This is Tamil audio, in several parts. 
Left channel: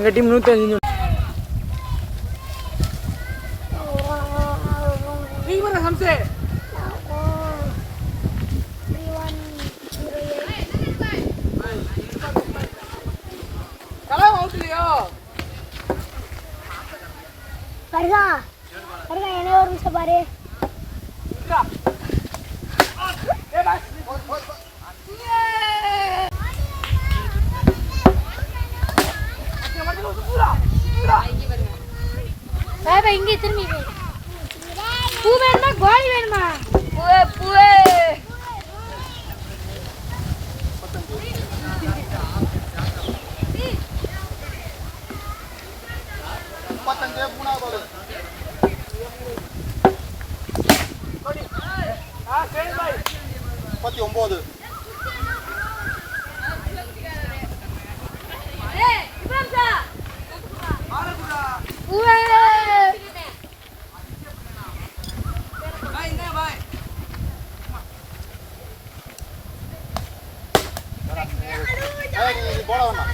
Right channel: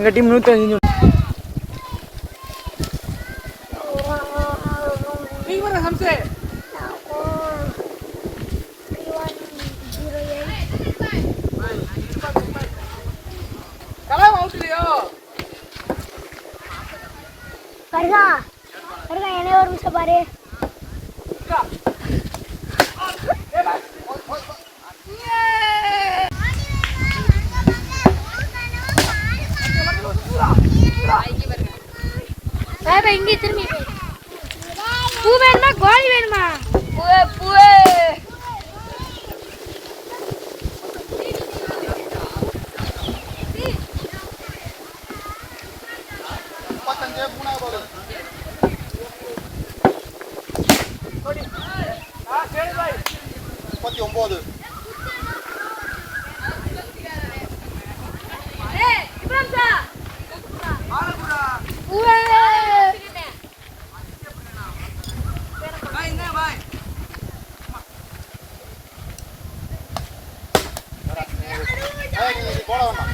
எங்கள் டீம் நூற்றஞ்சு வேற இங்கே திரும்பி. பூ. வேணுமா? கோழி வேணுமா? பூவே பூவே. முப்பத்தஞ்சு மூணாவது பால் முப்பத்தி ஒன்பது பூவே ஏய், நீ இது போட வேண்டாம்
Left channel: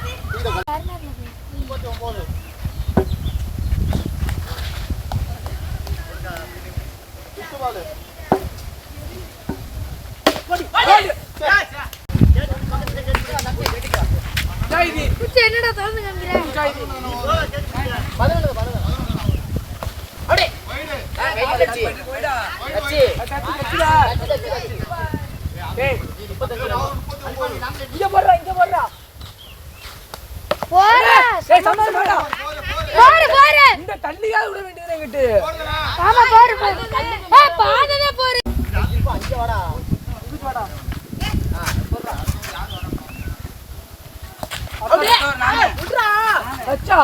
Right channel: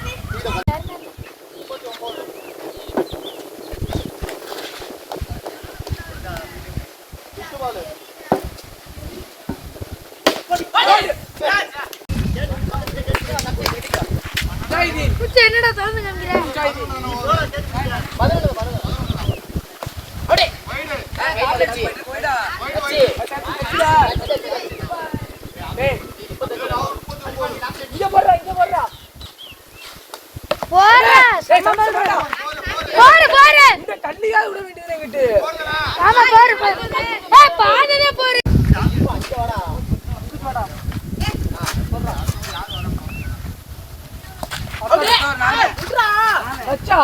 இந்த முப்பத்தி ஒன்பது சுத்து பால் குச்சி என்னடா திறந்து காமிக்கிறேன் பதினெட்டு பதினெட்டு போடா போடு போடு. இந்த விட வேண்டியது எங்கிட்டு ஆமா போடு போடு. ஏய் பாதிலே போடு. வச்சா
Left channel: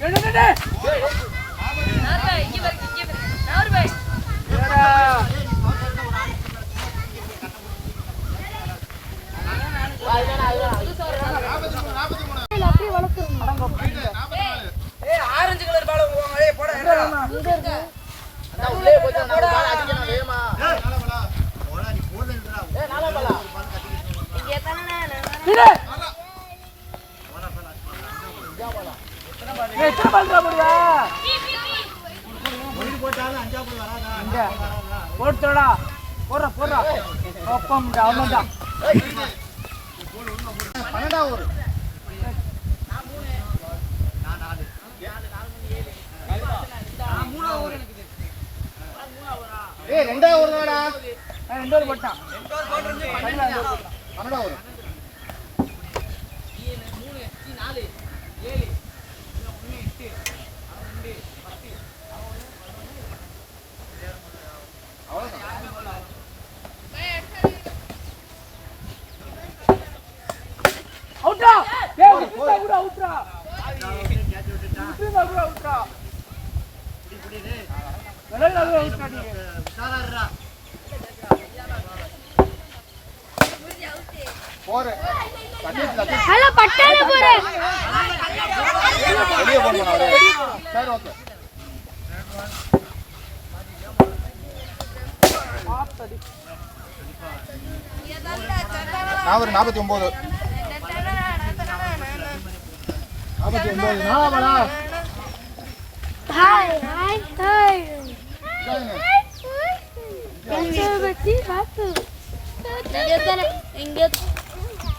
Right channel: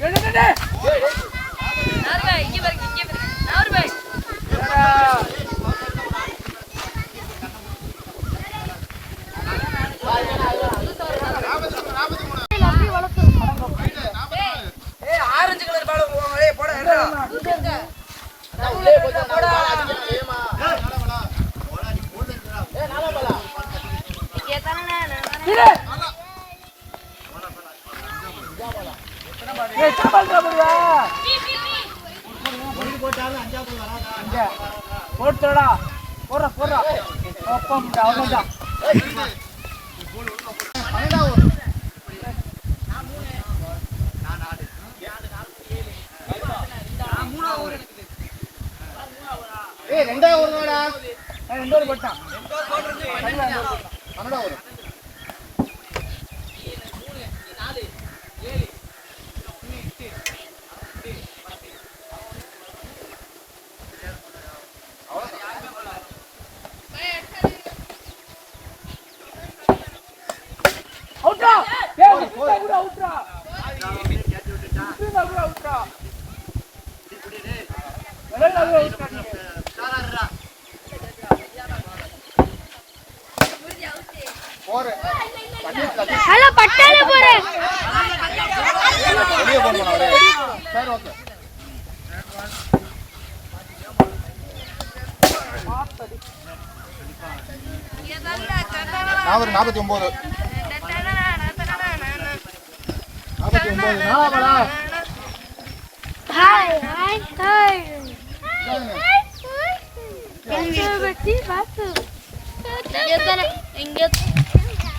டேய், டேய், டேய். அப்படியே வளர்த்துறோம் அண்ணா உள்ளே போச்சு நாலு பால் அடிக்கணும் வேகமா ஏய் நாலா பாலா ஏய், சாப்பாடு சாப்பிடுறியா? இங்க. போட்டுடா. போடுறா, போடுறா. அப்பம், அவ்வளவுதான். பன்னெண்டாவது ஏய் ரெண்டாவது வருவாடா நான் ரெண்டு பேரும் போட்டான். பன்னெண்டாவது. பட்டால போடு. வெளியே போகணும் அவரே சரி ஓகே. நாற்பது நாற்பத்தி ஒன்பது நாற்பத்தி ஒன்பது நாலாவடா ஹாய் ஹாய் ஹாய்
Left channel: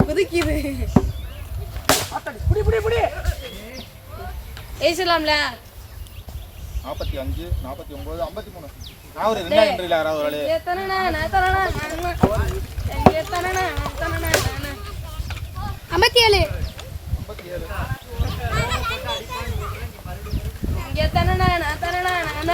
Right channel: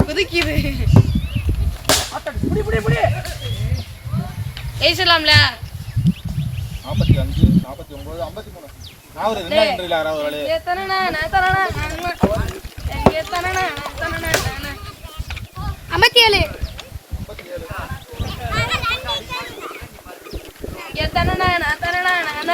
குதிக்குது புடி, புடி, புடி. பேசலாம்ல. நாற்பத்தி அஞ்சு நாற்பத்தி ஒன்பது ஐம்பத்தி மூணு. நான் ஒரு ரெண்டாயிரம் ஒரு ஆளு ஐம்பத்தி ஏழு ஐம்பத்தி ஏழு எதுக்குள்ளடா ஒயிடு ஒண்ணுமே இல்ல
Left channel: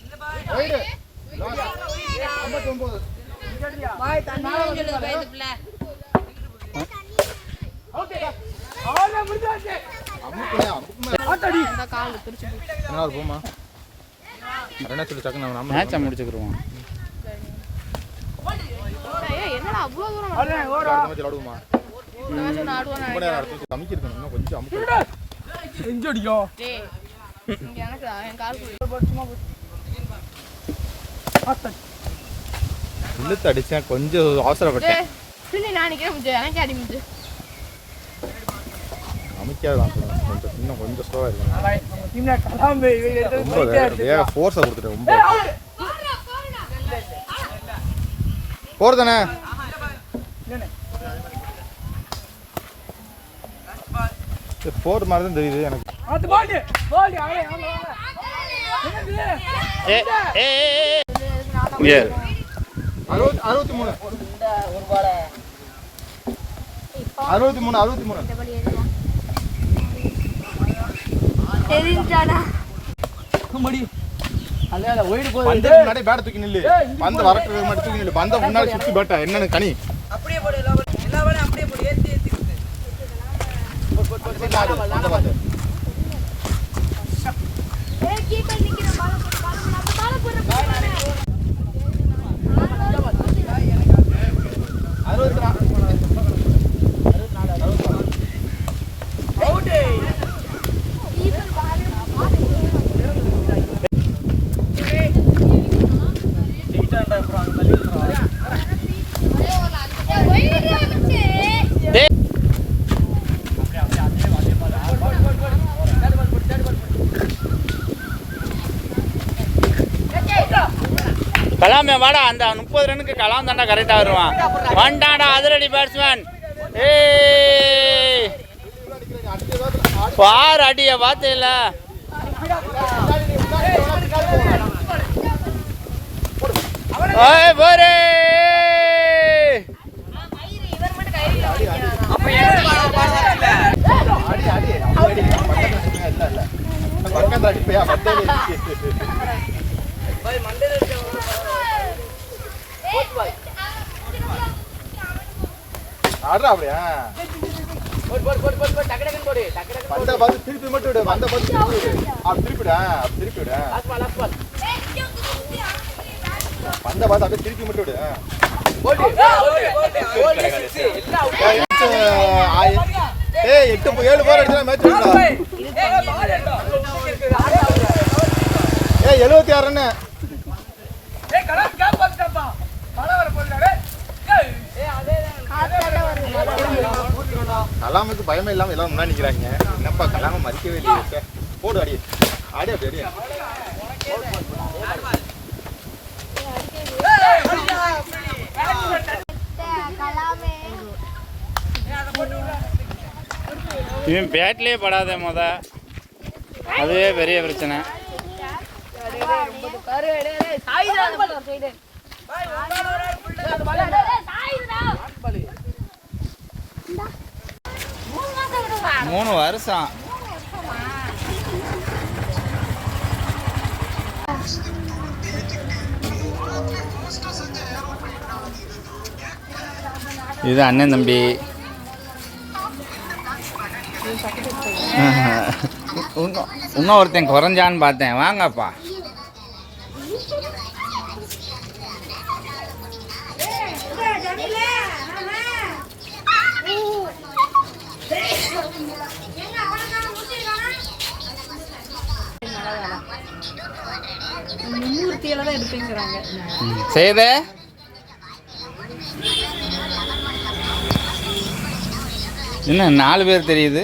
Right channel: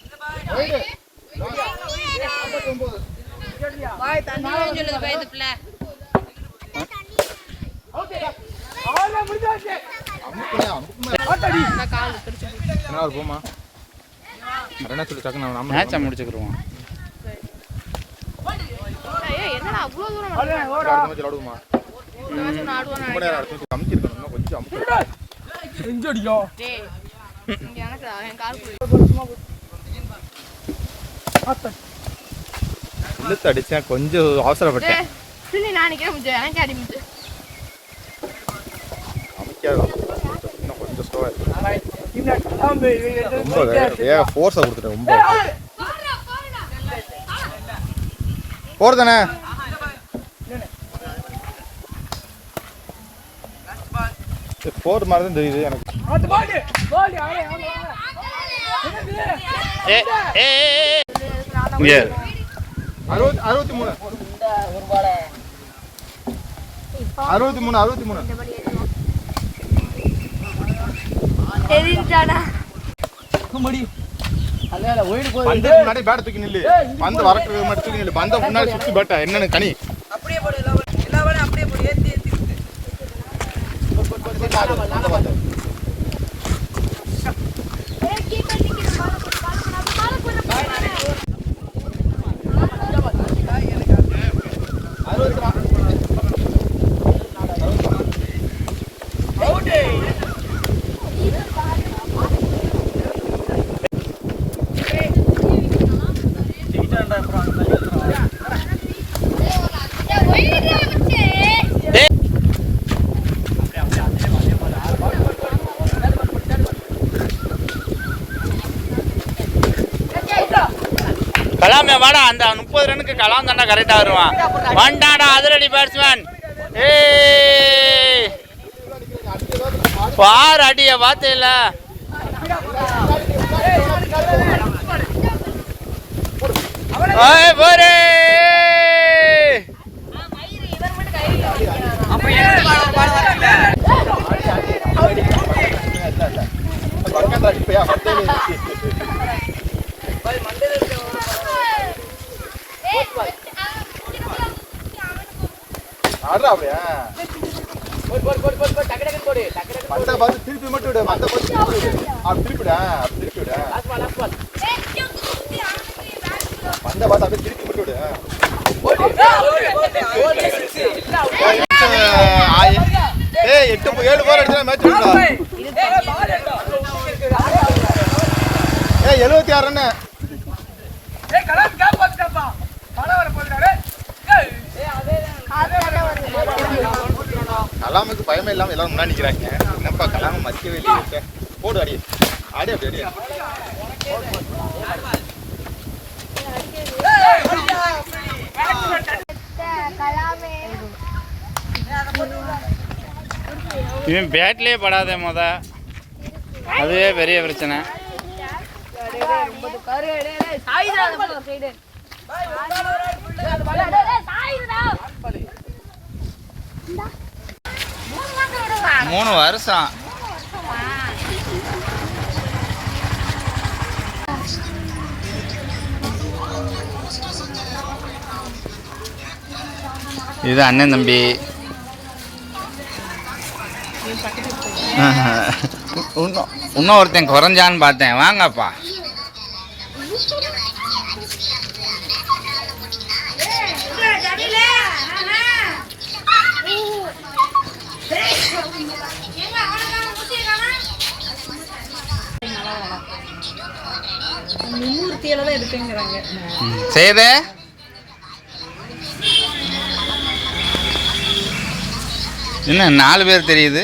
போமா என்ன டக்குன்னு மேட்சை இழுத்து அடிச்சேன். கொஞ்சம் அவசரப்பட்டேன். இன்னும் கொஞ்சம் ஸ்லோவாக இருக்கு. ரொம்ப வேக ஃபோர்ஸை கொடுத்துட்டேன் ரொம்ப. போகிறதானே போர் மாதிரி தான் தெரியுது எனக்கு. ஏ ஏ இங்கே. அறுபத்தி அறுபத்தி மூணு. அறுபத்தி மூணு அறுபத்தி மூணு. முன்னாடி பேட் தூக்கி நில்லு. பந்து மாதிரி தூக்கி நில்லு. பந்த முன்னாடி சுத்தி பேட்டா என்னன்னு தனி. பந்த பார்த்து. கீப்பர் நிக்கணும் பால போடு. பால போடு அப்ப பால போடு. அறுபத்தி கலாமே வாடா அந்த முப்பது ரனுக்கு கலாம் தாண்டா கரெக்டாக வருவான். வண்டாடா அதிரடி பேட்ஸ்மேன் ஏய் பார் அடிய பார்த்தேல போரே அடிப்பையா பத்தே ஆடுறா அப்படியா பந்த பார்த்து திருப்பி மட்டும் விடு பந்த திருப்பி விடு. அப்படி திருப்பிடா அப்படி திருப்பி விடு. பந்த பார்த்து அப்படியே திருப்பி மட்டும் விடு. ஏய் எட்டு ஏழு பேர் எடுத்து மேட்ச் ஏய் எழுபத்தி ஆறு கலாமுக்கு பயமே இல்லாம எல்லாரும் முன்னாடி நிக்கிறாங்க. என்னப்பா கலாம மதிக்கவே இல்லையே. போடு அடி. அடி அப்படி அடி. கலாமே இவன் பேட்லேயே படாத முத. அதுவே பெரிய பிரச்சனை. மூணு வருஷம். இது அண்ணன் தம்பி. இன்னும் இன்னும் ஒருத்தன் குறைஞ்சான்னு பார்த்தேன். வாங்கப்பா. செய்த என்ன நாலு பேர் தெரியுது?